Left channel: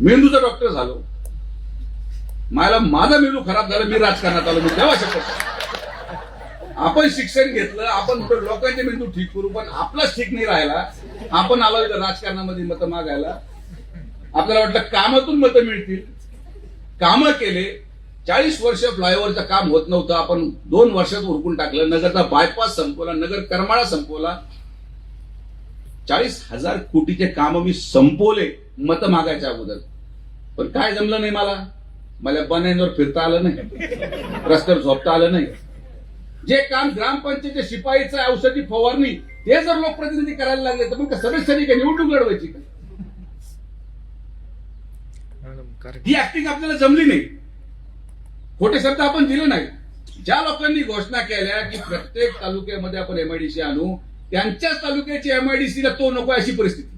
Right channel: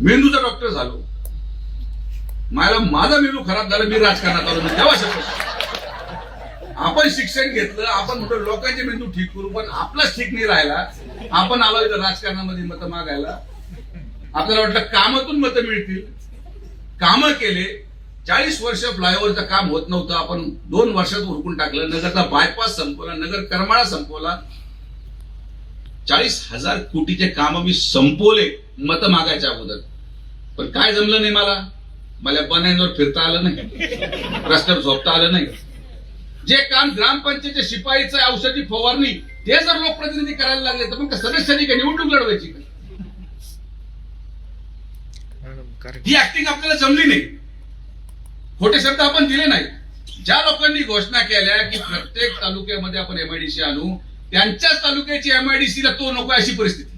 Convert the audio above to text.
मेंदूचा डॉक्टर झालो, माझा मेंदू खराब झाला, मी राजकारणात आलो. मी तेव्हा शकतो आपण शिक्षण घेतलं, आपण म्हणतो लोकांचे मेंदू ठीक करू, पण आपलाच ठीक नाही राहिला. आपण आलो इथं राजकारणामध्ये मतं मागायला. आपल्याला वाटलं कामातून मतं मिळतील, कामं केले. 40 वर्ष फ्लायओव्हरचं काम होत नव्हतं, आपण 2 वर्षात उरकून टाकलं. नगरचा बायपास संपवला, नगर करमाळा संपवला. 40,000 कोटीचे काम मी संपवले मतं मागायच्या अगोदर. पण काय जमलं नाही मला बनायवर फिरता आलं नाही, रस्त्यावर झोपता आलं नाही. जे काम ग्रामपंचायतच्या शिपाईचं औषधी फवारणी ते जर लोकप्रतिनिधी करायला लागले तर मग सदस्यांनी काय निवडणूक लढवायची का? ही ऍक्टिंग आपल्याला जमली नाही. खोटे शब्द आपण दिले नाही. ज्या लोकांनी घोषणा केल्या की प्रत्येक तालुक्यामध्ये आपण एमआयडीसी आणू, त्यांच्याच तालुक्याची एमआयडीसीला तो नको अशी परिस्थिती.